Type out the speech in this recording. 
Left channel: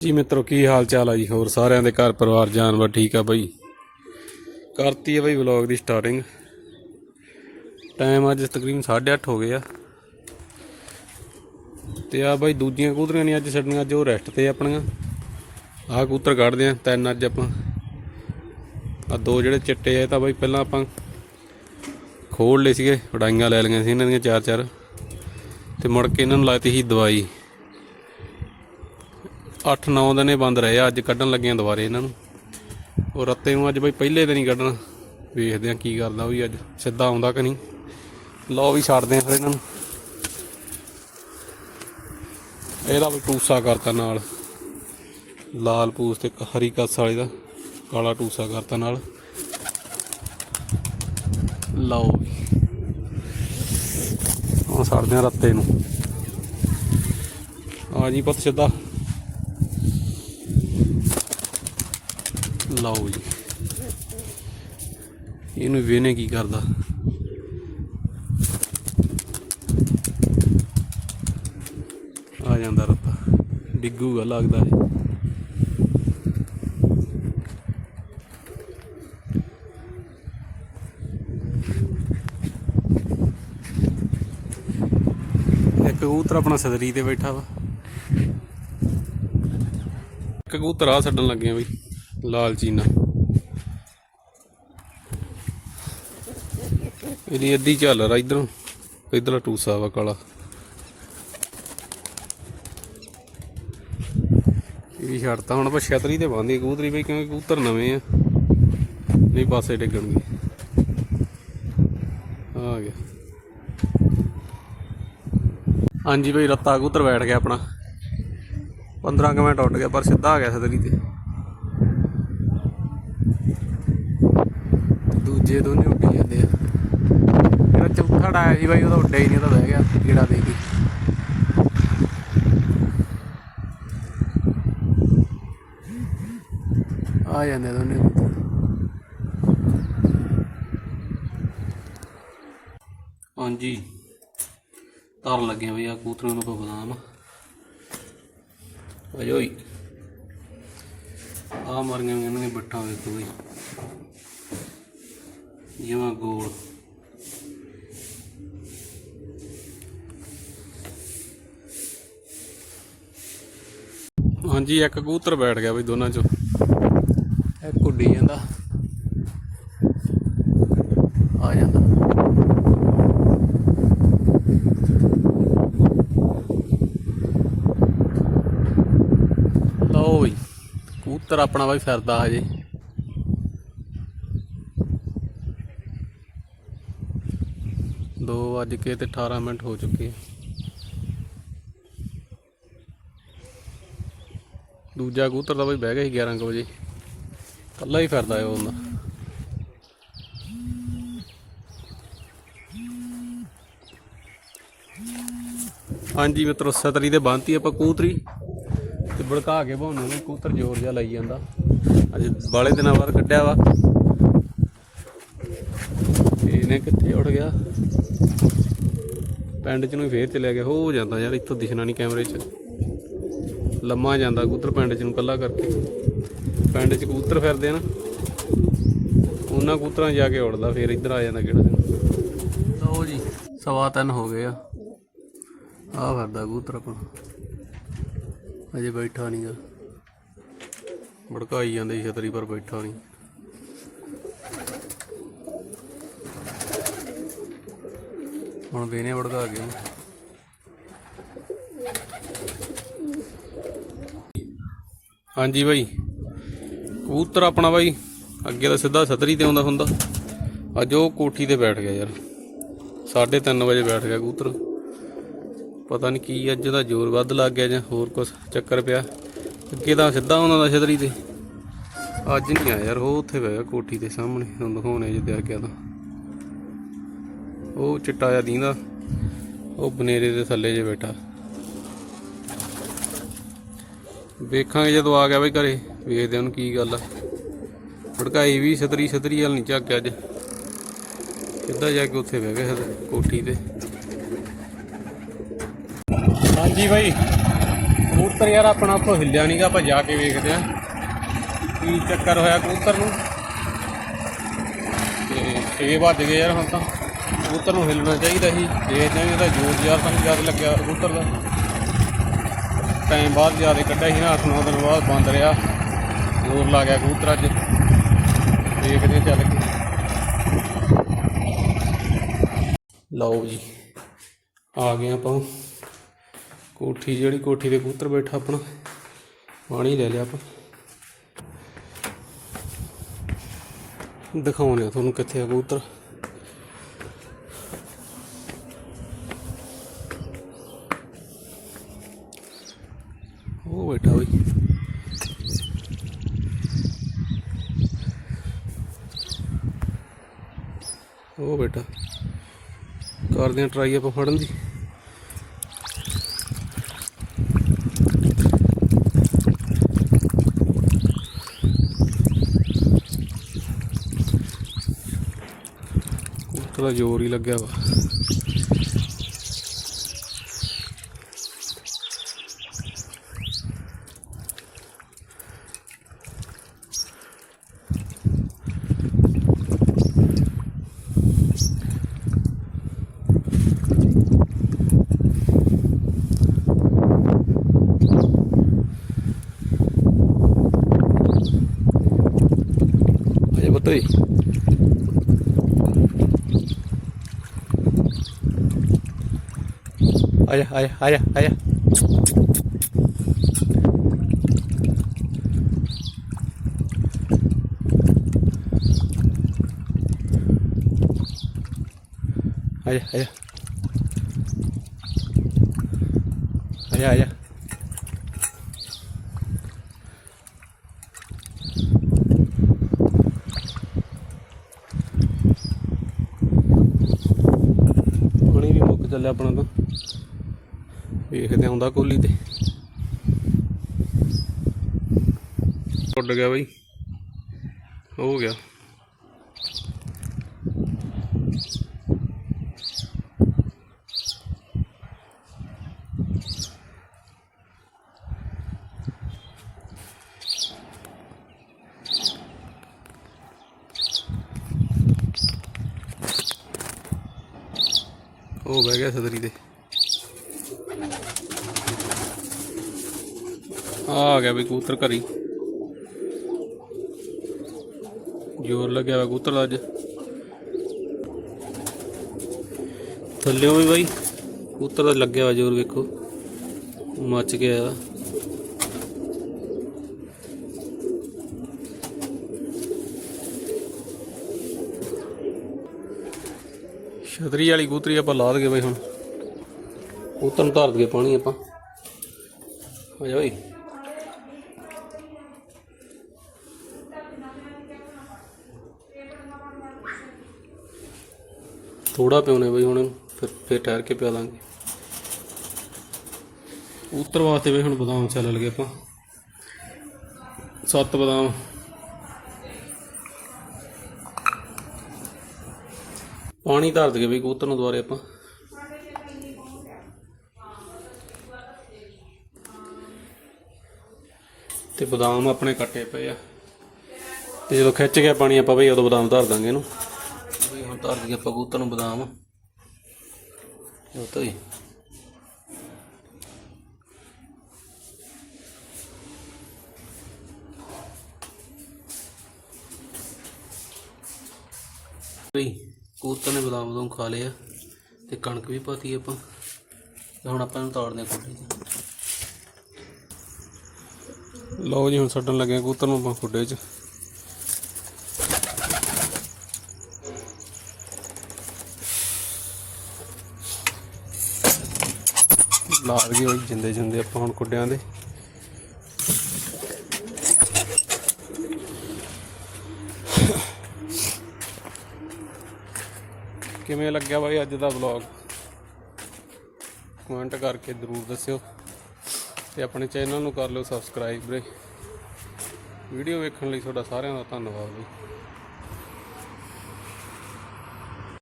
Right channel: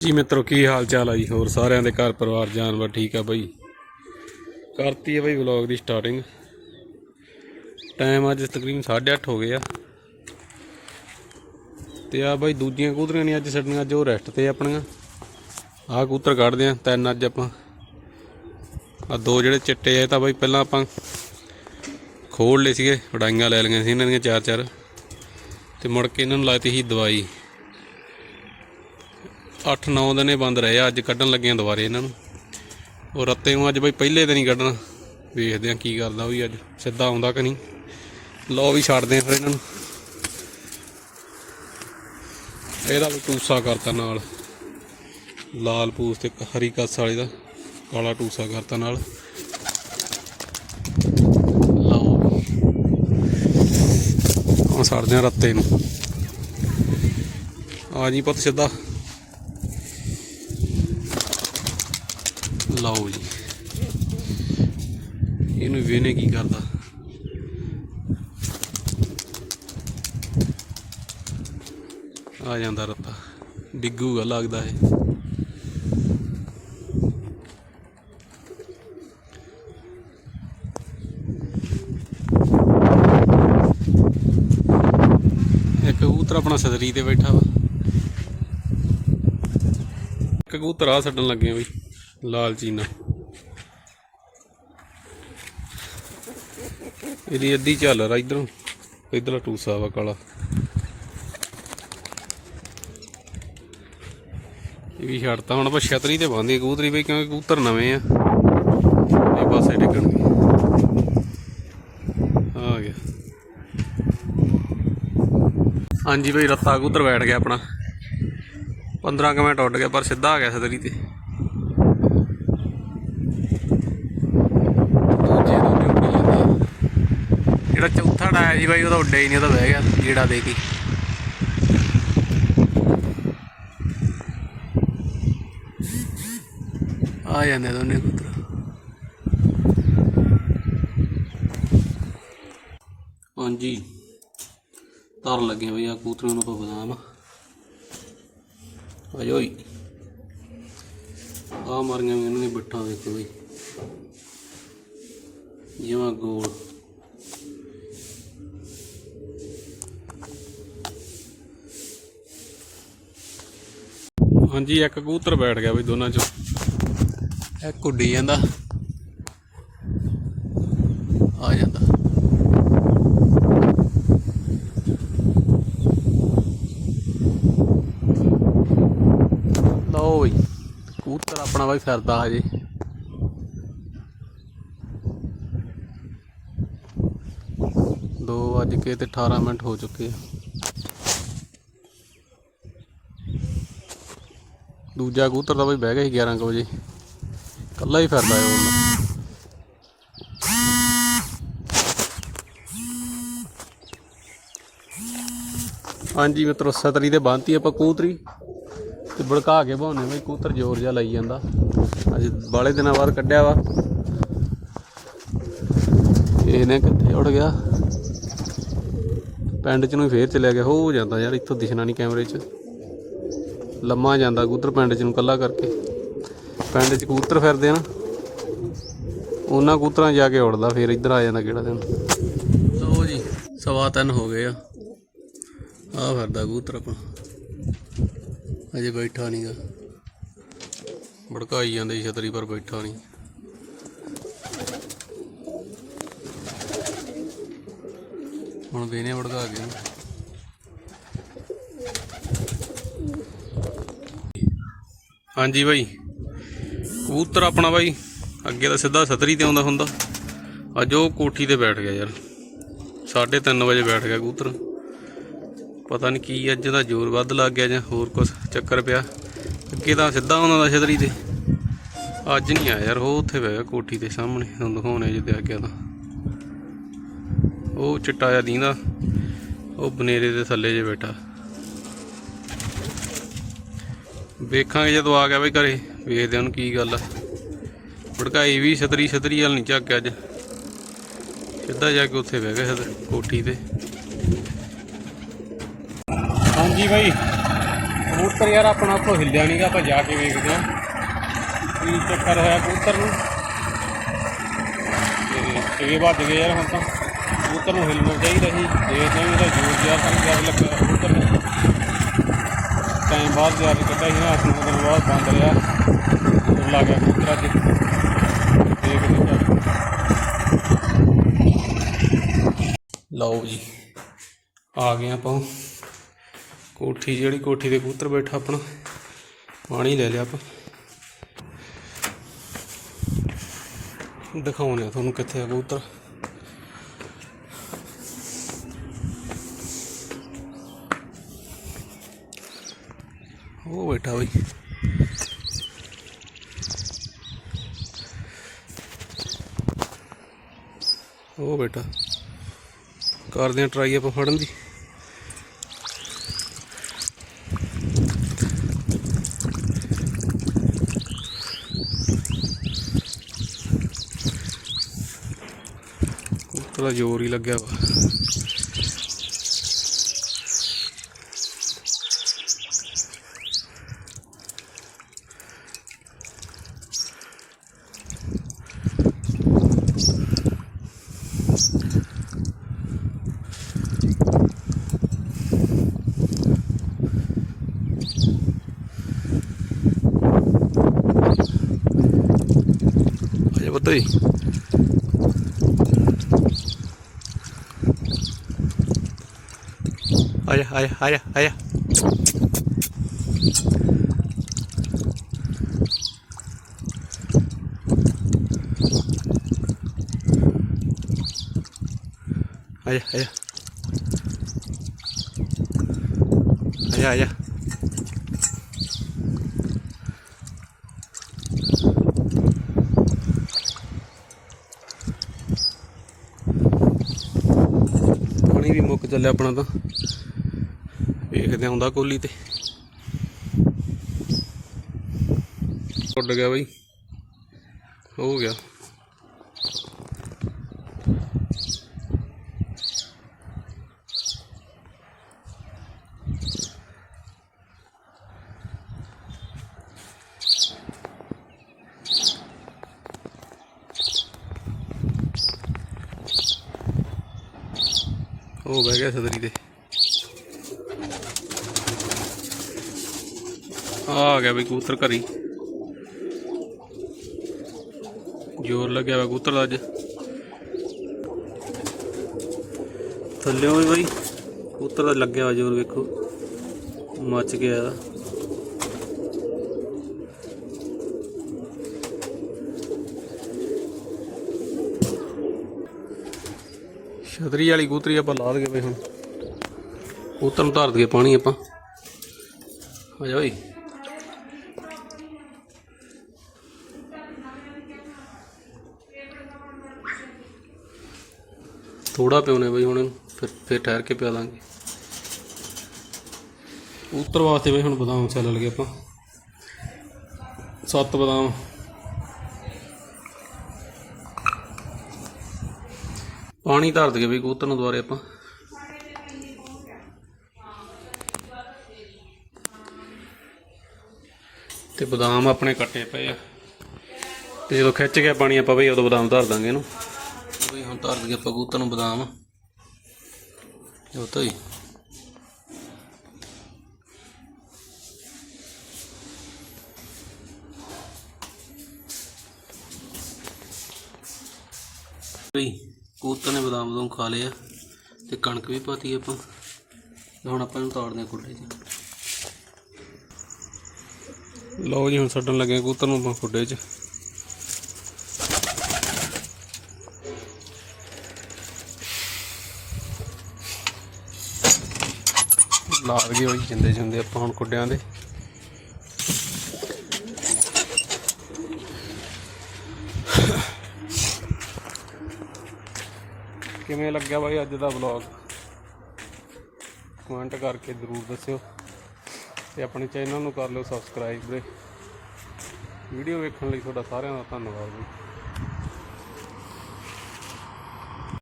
ਜੀ ਮਿੱਤਰੋ, ਕੀ ਹਾਲ ਚਾਲ ਆ ਜੀ? ਹੋਰ ਸਾਰਿਆਂ ਦੇ ਘਰ ਪਰਿਵਾਰ, ਜਾਨਵਰ ਠੀਕ ਆ ਬਈ? ਕਰਤੀ ਹੈ ਬਈ ਵਲੌਗ ਦੀ ਸਟਾਰਟਿੰਗ ਟਾਈਮ ਅੱਜ ਤਕਰੀਬਨ 8:30 ਹੋ ਗਏ ਆ। ਤੇ ਆ ਬਈ ਦੂਜੀਆਂ ਕੂਤਰੀਆਂ ਨਹੀਂ ਅੱਜ ਛੱਡਣੀਆਂ ਜੋ ਰੈਸਟ ਤੇ ਆਪਣੀਆਂ। ਆਹ ਕੂਤਰ ਕੱਢਦੇ ਆ, ਤਿੰਨ ਅੱਜ ਆਪਾਂ। ਆ ਦੋ ਜਿਹੜੇ ਚਿੱਟੇ ਆ ਤਾਂ ਬਈ ਪਹਿਲਾਂ ਆਪਾਂ ਖੋਲ ਲਏ ਸੀਗੇ ਉਡਾਈਆਂ ਲੈ ਲਈਆਂ ਸੀ ਇਹਨਾਂ ਦੀਆਂ ਚਾਰ ਚਾਰ ਤੇ ਮੁੜ ਕੇ ਇਹਨਾਂ ਨੂੰ ਲਾਤੀ ਸੀ ਦਵਾਈ। 8-9 ਦਿਨੇ ਬੰਦ ਰਹੇ ਆ, ਅੱਜ ਕੱਢਣ ਲੱਗਿਆਂ ਦੁਬਾਰੇ ਇਹਨਾਂ ਨੂੰ। ਉਹ ਰੱਤੇ ਨੂੰ ਅੱਜ ਬਈ ਪਹਿਲੇ ਦਿਨ ਹੀ ਕੱਢਣਾ। ਵੇਖਦੇ ਆ ਕੀ ਕਰਦਾ ਉਹ ਵੀ ਅੱਜ, ਸਿੱਧਾ ਆਉਂਦਾ ਕਿ ਨਹੀਂ। ਲਓ ਵੀ ਛੱਡਦੇ ਆ ਫਿਰ ਇਹਨਾਂ ਨੂੰ। ਇਹਦਾ ਵੀ ਟੂਸਾ ਕਰਤਾ ਨਾਲ। ਲਾਲ ਪੂਸ ਤੇ ਹਰੀ ਕੱਸ ਵਾਲੇ ਦਾ ਕਾਲਾ ਟੂਸਾ ਕਰਤਾ ਨਾਲ। ਲਓ ਵੀ। ਆ ਛੱਡਦੇ ਆ ਰੱਤੇ ਨੂੰ। ਆ ਜੀ ਪੁੱਤ ਸਿੱਧਾ। ਲਓ ਜੀ। ਇਹਨੂੰ ਵੇਨੇ ਕੀ ਕਰਦਾ? ਆ ਜਾਂਦਾ ਰੱਤਾ। ਡਿੱਗੂਗਾ ਲੱਗਦਾ ਹੈ ਇੱਕ ਕਬੂਤਰ ਆਪਣਾ ਸਦਰੀ ਤੇ ਬੈਠਾ ਵਾ। ਕਬੂਤਰ ਆ ਛੱਡਣ ਲੱਗੇ ਆ ਬਈ। ਲਾਲ ਚੀਨਾ। ਇਹਦੀ ਅੱਧੀ ਝਾਲਰ ਆ ਇਧਰੋਂ। ਇਧਰਲਾ ਟੂਸਾ ਵਾ ਕਾਲਾ। ਇਹ ਵੀ ਛੱਡਤਾ। ਹੁਣ ਆਪਾਂ ਛਤਰੀ ਤੇ ਬੰਨ੍ਹਦੀ ਕਬੂਤਰੀ ਬਈ, ਕਿਉਂਕਿ ਕਬੂਤਰ ਨਵੇਂ ਆ। ਨਹੀਂ, ਪਾਸੇ ਡਿੱਗਣਗੇ ਆ ਗਿਆ। ਹਾਂਜੀ ਬਈ, ਰੱਤਾ ਕਬੂਤਰ ਬੈਠ ਗਿਆ ਆਪਣਾ। 15 ਕੁ ਮਿੰਟ ਉੱਡ ਗਿਆ ਪਰ ਸਿੱਧਾ ਆ ਗਿਆ ਛਤਰੀ ਤੇ ਦੂਜੇ ਦੋਨੇ ਉੱਡੀ ਜਾਂਦੇ ਆ ਜਿਹੜਾ ਚੌਥਾ ਡਾਇਆ ਜੀ ਬਾਈ, ਉਹਦਾ ਉੱਡਿਆ ਹੀ ਨਹੀਂ, ਉਹਦਾ ਬਹਿ ਗਿਆ ਕੀੜਾ ਦੇ ਕੇ। ਆ ਜਾਂਦੇ ਦੋਨੇ ਕਬੂਤਰ ਹਾਂਜੀ। ਤਰ ਲੱਗੇ ਬਈ ਆ ਕਬੂਤਰਾਂ ਨੂੰ ਕੋਈ ਬਦਾਮ। ਅਜੋਈ ਆ ਮਾਰੀਆਂ ਵੀ ਇਹਨਾਂ ਨੇ ਬੱਠਾਂ ਵੇਖੋ ਬਈ। ਜਿਵੇਂ ਗੋਲ। ਹਾਂਜੀ, ਇੱਕ ਕਬੂਤਰ ਬੈਠ ਗਿਆ ਬਈ ਦੋਨਾਂ ਚੋਂ। ਇੱਕ ਉੱਡੀ ਜਾਂਦਾ। ਆ ਜਾਂਦਾ। ਲਓ ਬਈ, ਕਬੂਤਰ ਆਪਣਾ ਬਾਈ ਫਿਰਦਾ ਹਜੇ। ਦੋ ਵੱਜ ਕੇ ਤੇ 18 ਮਿੰਟ ਹੋ ਚੁੱਕੇ। ਆ ਦੂਜਾ ਕਬੂਤਰ ਤਾਂ ਬਈ ਬਹਿ ਗਿਆ ਸੀ 11 ਕੁ ਵਜੇ। ਕੱਲਾ ਹੀ ਫਿਰਦਾ ਹੈ ਉਹ। ਹਾਂਜੀ ਮਿੱਤਰੋ, ਸਤਰੀ ਤੇ ਬੰਨਤੀ ਆਪਾਂ ਕੂਤਰੀ ਤੇ ਭੜਕਾ ਕੇ ਭਾਉਂਦੇ ਵੀ ਕੂਤਰ ਜ਼ੋਰ ਜਿਹਾ ਲਾਈ ਜਾਂਦਾ। ਅੱਜ ਬਾਲੇ ਦਿਨਾਂ ਬਾਅਦ ਕੱਢਿਆ ਵਾ। ਇਹਨੇ ਕਿੱਥੇ ਉੱਡ ਗਿਆ? ਪਿੰਡ ਚ ਨੂੰ ਫੇਰ ਚਲਿਆ ਗਿਆ। ਹੋ ਜਾਂਦਾ ਯਾਰ, ਇੱਥੋਂ ਦਿਖਣਾ ਨਹੀਂ ਕੈਮਰੇ 'ਚ। ਲੰਮਾ ਜਾਂਦਾ ਕਬੂਤਰ ਪਿੰਡ ਚ ਨੂੰ ਕੱਲਾ ਕਰਕੇ। ਪਿੰਡ ਚ ਕਬੂਤਰ ਫਿਰਦੇ ਆ ਨਾ, ਉਹਨਾਂ ਕਬੂਤਰਾਂ 'ਚ ਜਾ ਕੇ ਉੜਦਾ, ਫਿਰ ਇੱਧਰ ਆ ਜਾਂਦਾ ਕਿਹੜਾ ਦਿਨ। ਲਓ ਜੀ, ਸਵਾ ਤਿੰਨ ਹੋ ਗਏ ਆ। ਆ ਫਿਰਦਾ ਕਬੂਤਰ ਆਪਣਾ। ਅਜੇ ਬੈਠਾ ਨਹੀਂਗਾ ਭੜਕਾਈ ਜਾਂਦੇ ਛਤਰੀ, ਪਰ ਬੈਠਾ ਨਹੀਂ ਹੁਣ ਵੇਨੇ ਭੜਕਾ ਕੇ ਹਾਂਜੀ ਬਾਈ। ਕਬੂਤਰ ਆਪਣਾ ਬਾਈ, ਅੱਗੇ ਤਾਂ ਸਿੱਧਾ ਛਤਰੀ ਤੇ ਆਉਂਦਾ ਹੁੰਦਾ। ਅੱਜ ਉਹ ਕੋਠੀ ਤੇ ਬੈਠ ਗਿਆ ਯਾਰ। 3:30 ਵਜੇ ਬੈਠ ਗਿਆ ਕਬੂਤਰ। ਪਤਾ ਨਹੀਂ ਕੀ ਅੱਜ ਦਾ ਜ਼ੋਰ ਵੱਧ ਲੱਗ ਗਿਆ ਜਾਂ ਹੋਰ ਕੁਝ ਚੱਕਰ ਪਿਆ। ਅੱਗੇ ਤਾਂ ਸਿੱਧਾ ਆਉਂਦਾ ਦਾ ਛਤਰੀ ਤੇ। ਅੱਜ ਨਹੀਂ ਆਇਆ ਯਾਰ, ਉਹ ਉੱਥੇ ਬਹਿ ਗਿਆ ਕੋਠੀ ਦੇ ਸਾਹਮਣੇ। ਤੁਹਾਨੂੰ ਦਿਖਾਉਣੇ ਜਿੱਦੇ ਆ ਗਿਆ ਤਾਂ। ਉਹ ਚਿੱਟਾ ਜਿਹਾ ਦੀਂਦਾ। ਉਹ ਬਨੇਰੇ ਦੇ ਥੱਲੇ ਜੇ ਬੈਠਾ। ਵੇਖਾਂਗੇ ਜਦੋਂ ਆ ਗਿਆ ਬਈ ਘਰੇ, ਵੇਖਦੇ ਹਾਂ ਉਹਨੂੰ ਕੀ ਗੱਲ ਆ। ਭੜਕਾਈ ਵੀ ਛਤਰੀ ਛਤਰੀ ਵਾਲ ਨਹੀਂ ਝੱਕ ਅੱਜ। ਸਿੱਧਾ ਜਾ ਕੇ ਉੱਥੇ ਬਹਿ ਗਿਆ ਕੋਠੀ ਤੇ। ਹਾਂਜੀ ਬਾਈ, ਕਬੂਤਰ ਯਾਰ ਆਪਣਾ ਉੱਥੋਂ ਹਿੱਲਿਆ ਨਹੀਂਗਾ ਆਪਾਂ ਜਾ ਕੇ ਵੇਖਦੇ ਹਾਂ। ਕੀ ਚੱਕਰ ਹੋਇਆ ਕਬੂਤਰ ਨੂੰ? ਤੇ 6 ਵੱਜ ਗਏ ਯਾਰ ਹੁਣ ਤਾਂ। ਕਬੂਤਰ ਨੂੰ ਹਿੱਲਣਾ ਚਾਹੀਦਾ ਸੀ, ਦੇਖਦੇ ਹਾਂ ਇਹਦਾ ਜ਼ੋਰ ਜ਼ਿਆਦਾ ਤਾਂ ਜ਼ਿਆਦਾ ਲੱਗਿਆ ਕਬੂਤਰ ਨੂੰ। ਟਾਈਮ ਬਾਅਦ ਕੇ ਕੱਢਿਆ ਸੀ ਨਾ 8-9 ਦਿਨ ਬਾਅਦ ਬੰਦ ਰਿਹਾ। ਜ਼ੋਰ ਲਾ ਗਿਆ ਕਬੂਤਰ ਅੱਜ। ਦੇਖਦੇ ਹਾਂ ਚੱਲ। ਕੇ। ਲਓ ਜੀ, ਆ ਗਏ ਆਪਾਂ। ਕੋਠੀ ਜਿਹੜੀ, ਕੋਠੀ ਦੇ ਕਬੂਤਰ ਬੈਠਾ ਆਪਣਾ। ਪਾਣੀ ਲੈ ਲਿਆ ਆਪਾਂ। ਦਿਖਾਉਂਦੇ ਆ ਤੁਹਾਨੂੰ ਕਿੱਥੇ ਆ ਕਬੂਤਰ। ਉਹ ਬੇਟਾ ਕਰਦੇ ਆ ਟਰਾਈ ਆਪਾਂ ਫੜਨ ਦੀ। ਕਬੂਤਰ ਜ਼ੋਰ ਹੀ ਲੱਗਿਆ ਵਾ। Để bớt tì Ây da, ây da, ây da, ây da. Ây da, ây da. Ây da, ây da. ਪਾਣੀ ਵੀ ਮੁੱਕ ਚੱਲਿਆ ਆਪਣਾ ਤਾਂ। ਵੇਖਦੇ ਆਉਂਦਾ ਕੋਲੀ ਤੇ। ਉੱਡ ਗਿਆ ਬਈ। ਹੋ ਗਿਆ। ਉਹ ਬਹਿ ਗਿਆ ਸਦਰੀ ਤੇ ਆ ਗਿਆ ਬਈ ਕਬੂਤਰ ਘਰੀ। ਜੋਰ ਲੱਗਿਆ ਵਾ ਕਬੂਤਰ ਦਾ ਅੱਜ। ਥੱਲੇ ਵੀ ਬਈ। ਕਬੂਤਰ ਦਾ ਲੱਗਿਆ ਜੋਰ ਵੇਖੋ। ਮੱਚ ਗਿਆ। ਛਤਰੀ ਵਾਲੀ ਕਬੂਤਰੀ ਆਪਾਂ ਲਾ ਦਗੇ ਬਈ ਹੁਣ। ਉਤਰ ਨੂੰ ਧਾਰ ਦਗੇ ਪਾਣੀ ਆਪਾਂ। ਆ ਜਾ ਬਈ। ਥੋੜਾ ਪਿਉਨੇ ਬਈ ਹੁਣ ਇਹਨੂੰ, ਫਿਰ ਫਿਰ ਠਹਿਰ ਕੇ ਪਿਆ ਦਾਂਗੇ ਉਤਰ ਵਾਸਤੇ ਬਈ ਹੁਣ ਬਦਾਮ ਚੱਲ ਲਗੇ ਆਪਾਂ। ਸੱਤ ਬਦਾਮ। ਪਾਣੀ ਧਰ ਦਗੇ ਬਈ ਕਬੂਤਰ ਨੂੰ ਦੁਬਾਰੇ ਆਪਾਂ। ਤੇ ਬਦਾਮ ਆਪਣੇ ਕੱਟੇ ਪਏ ਆ। ਤੇ ਜਦੋਂ ਖਿੱਚ ਗਿਆ ਪਾਣੀ ਆਪਾਂ ਬਈ, ਉਦੋਂ ਬਦਾਮ ਧਰ ਦਾਂਗੇ ਇਹਨੂੰ। ਬਈ ਹੁਣ ਧਰ ਦਈਏ ਆਪਾਂ ਕਬੂਤਰ ਨੂੰ ਬਦਾਮ। ਇਹ ਤਾਂ ਹੀ। ਬਈ ਕਬੂਤਰ ਨੇ ਬਦਾਮ ਬਦੂਮ ਖਾ ਲਿਆ ਤੇ ਕਣਕ ਵੀ ਪਾਤੀ ਆਪਾਂ। ਤੇ ਹੁਣ ਆਪਾਂ ਇਹਨੂੰ ਤਾੜਦੇ ਹਾਂ ਖੁੱਡੇ 'ਚ। ਲਓ ਜੀ, ਹੁਣ ਛੱਡਣ ਲੱਗੇ ਹਾਂ ਕਬੂਤਰ ਨੂੰ ਆਪਾਂ ਖੁੱਡੇ 'ਚ। ਲਾਗ ਜੀ ਹੋਈ ਜਿੰਦੇ ਜਿੰਦੇ ਆਪਾਂ ਹੁਣ ਖੁੱਡਿਆਂ ਦੇ। ਕਿਵੇਂ ਲੱਗਿਆ ਬਾਈ ਅੱਜ ਦਾ ਵਲੌਗ ਕਮੈਂਟ ਕਰਕੇ ਜ਼ਰੂਰ ਦੱਸਿਓ ਤੇ ਆਪਣੇ ਚੈਨਲ ਨੂੰ ਕਰ ਲਿਓ ਸਬਸਕ੍ਰਾਈਬ ਵੀਰੇ। ਵੀਡੀਓ ਵੇਖਣ ਲਈ ਤੁਹਾਡਾ ਸਾਰਿਆਂ ਦਾ ਧੰਨਵਾਦ ਜੀ